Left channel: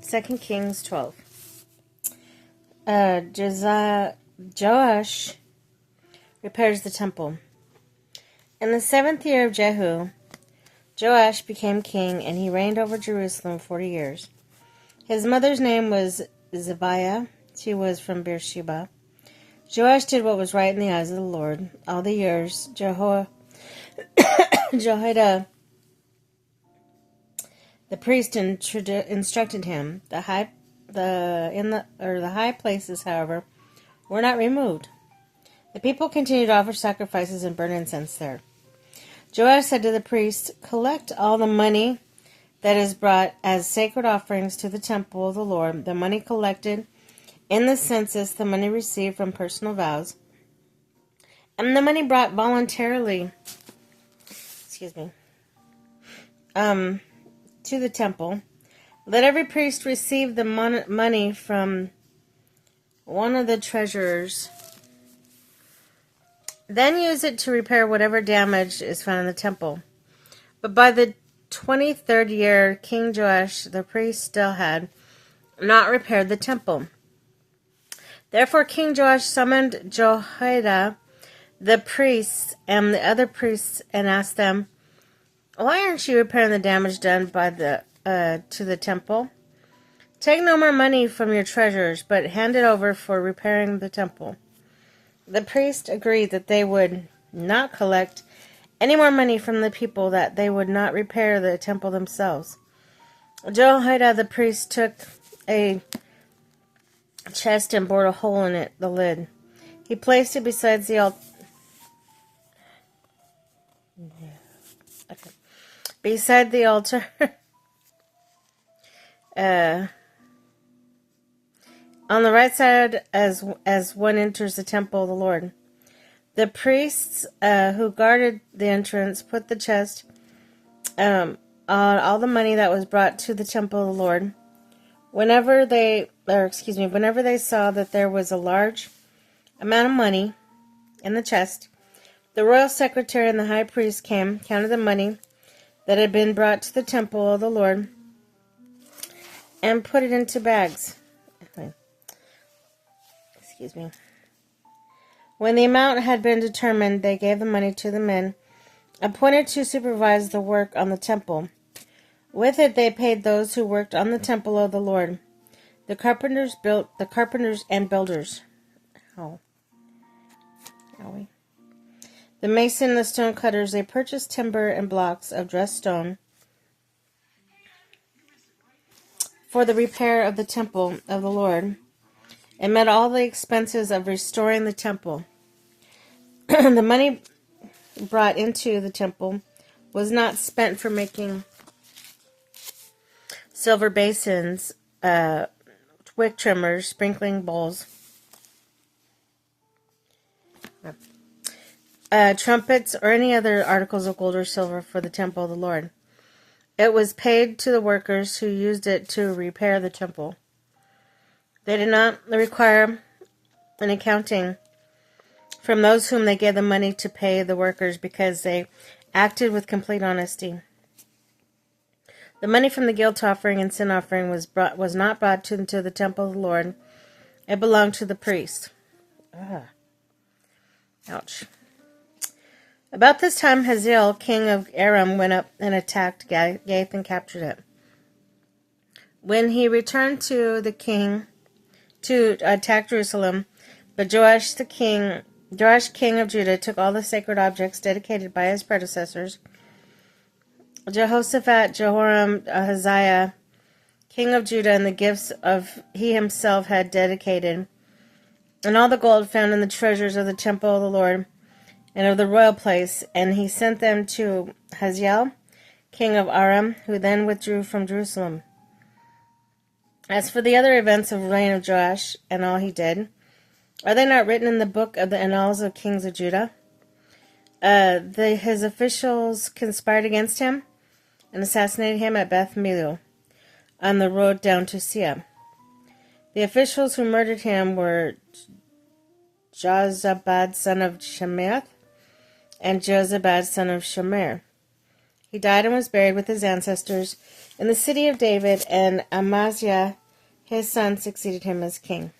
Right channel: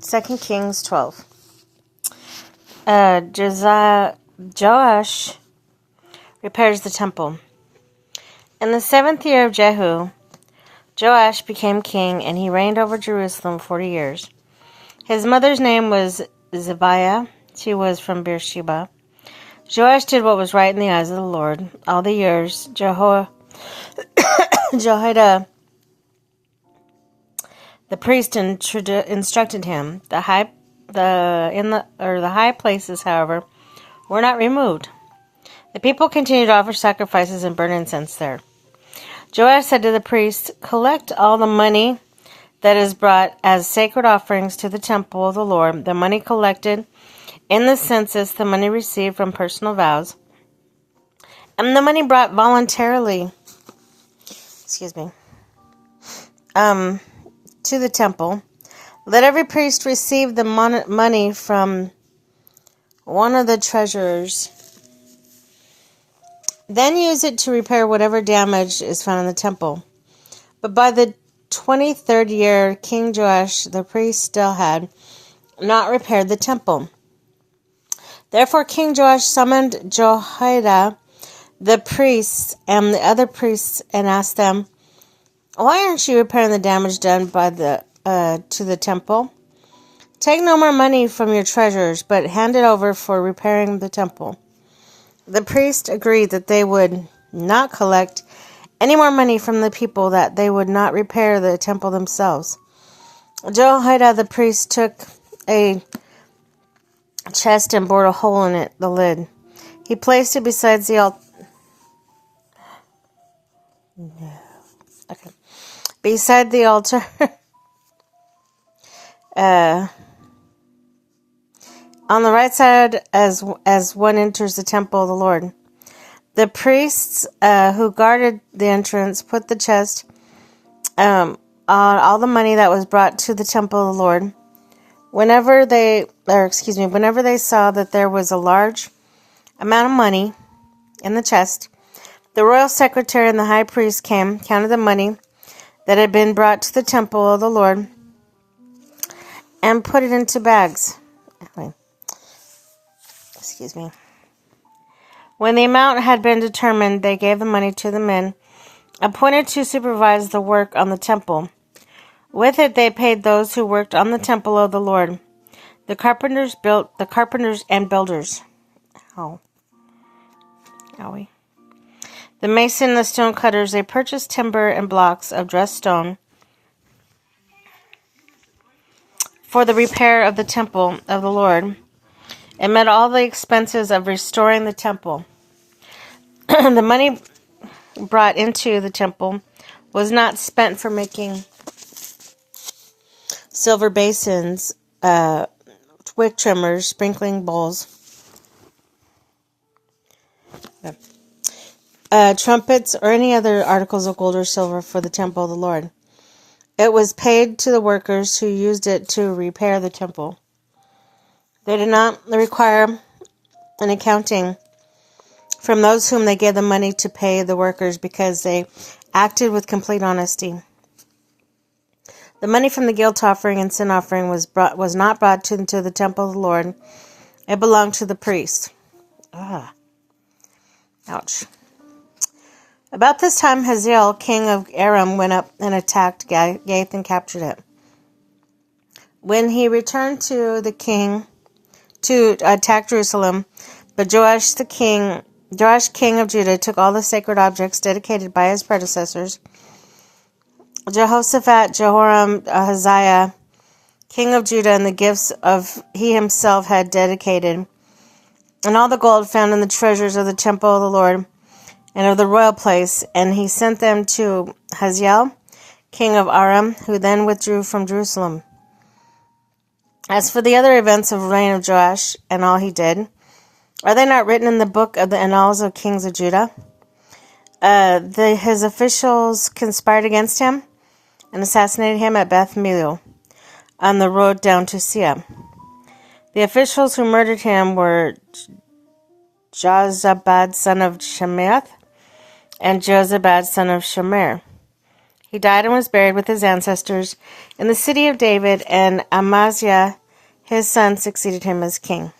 2 Kings 12. Joash repairs the temple. In the 7th year of Jehu, Joash became king, and he reigned over Jerusalem 40 years. His mother's name was Zibiah. She was from Beersheba. Joash did what was right in the eyes of the Lord. All the years Jehoiada, the priest, instructed him. The high places, however, were not removed. The people continued to offer sacrifices and burn incense there. Joash said to the priests, "Collect all the money that is brought as sacred offerings to the temple of the Lord, the money collected in the census, the money received from personal vows, and the money brought voluntarily, to the temple. Let every priest receive the money from one of the treasurers. Then use it to repair whatever damage is found in the temple." But by the 23rd year, King Joash, the priest, still had not repaired the temple. Therefore King Joash summoned Jehoiada, the priests, and the other priests, and asked them, "Why aren't you repairing the damage done by to the temple? Take no more money from your treasures, but hand it over for repairing the temple." The priests agreed that they would not collect any more money from the people, that they would not repair the temple themselves. Jehoiada the priest took a chest and bored a hole in it, the lid. He placed it beside the altar. Beside the altar. On the right side as one enters the temple of the Lord. The priests who guarded the entrance put the chest on all the money that was brought to the temple of the Lord. Whenever they saw that there was a large amount of money in the chest, the royal secretary and the high priest came, counted the money that had been brought to the temple of the Lord, and put it into bags. When the amount had been determined, they gave the money to the men appointed to supervise the work on the temple. With it they paid those who worked on the temple of the Lord. The carpenters and builders. The mason and the stone cutters, they purchased timber and blocks of dressed stone for the repair of the temple of the Lord, and met all the expenses of restoring the temple. The money brought into the temple was not spent for making silver basins, wick trimmers, sprinkling bowls, trumpets, or any other articles of gold or silver for the temple of the Lord. It was paid to the workers who used it to repair the temple. They did not require an accounting from those whom they gave the money to pay the workers, because they acted with complete honesty. The money from the guilt offering and sin offering was not brought to the temple of the Lord. It belonged to the priests. Ouch. About this time, Hazael, king of Aram, went up and attacked Gath and captured it. When he returned to the king to attack Jerusalem, but Joash, king of Judah, took all the sacred objects dedicated by his predecessors, Jehoshaphat, Jehoram, Ahaziah, king of Judah, and the gifts of he himself had dedicated, and all the gold found in the treasures of the temple of the Lord and of the royal place, and he sent them to Hazael, king of Aram, who then withdrew from Jerusalem. As for the other events of the reign of Joash and all he did, are they not written in the book of the annals of kings of Judah? His officials conspired against him and assassinated him at Beth Millo on the road down to Sia. The officials who murdered him were Jozabad, son of Shemath, and Jozabad, son of Shemer. He died and was buried with his ancestors in the city of David, and Amaziah, his son, succeeded him as king.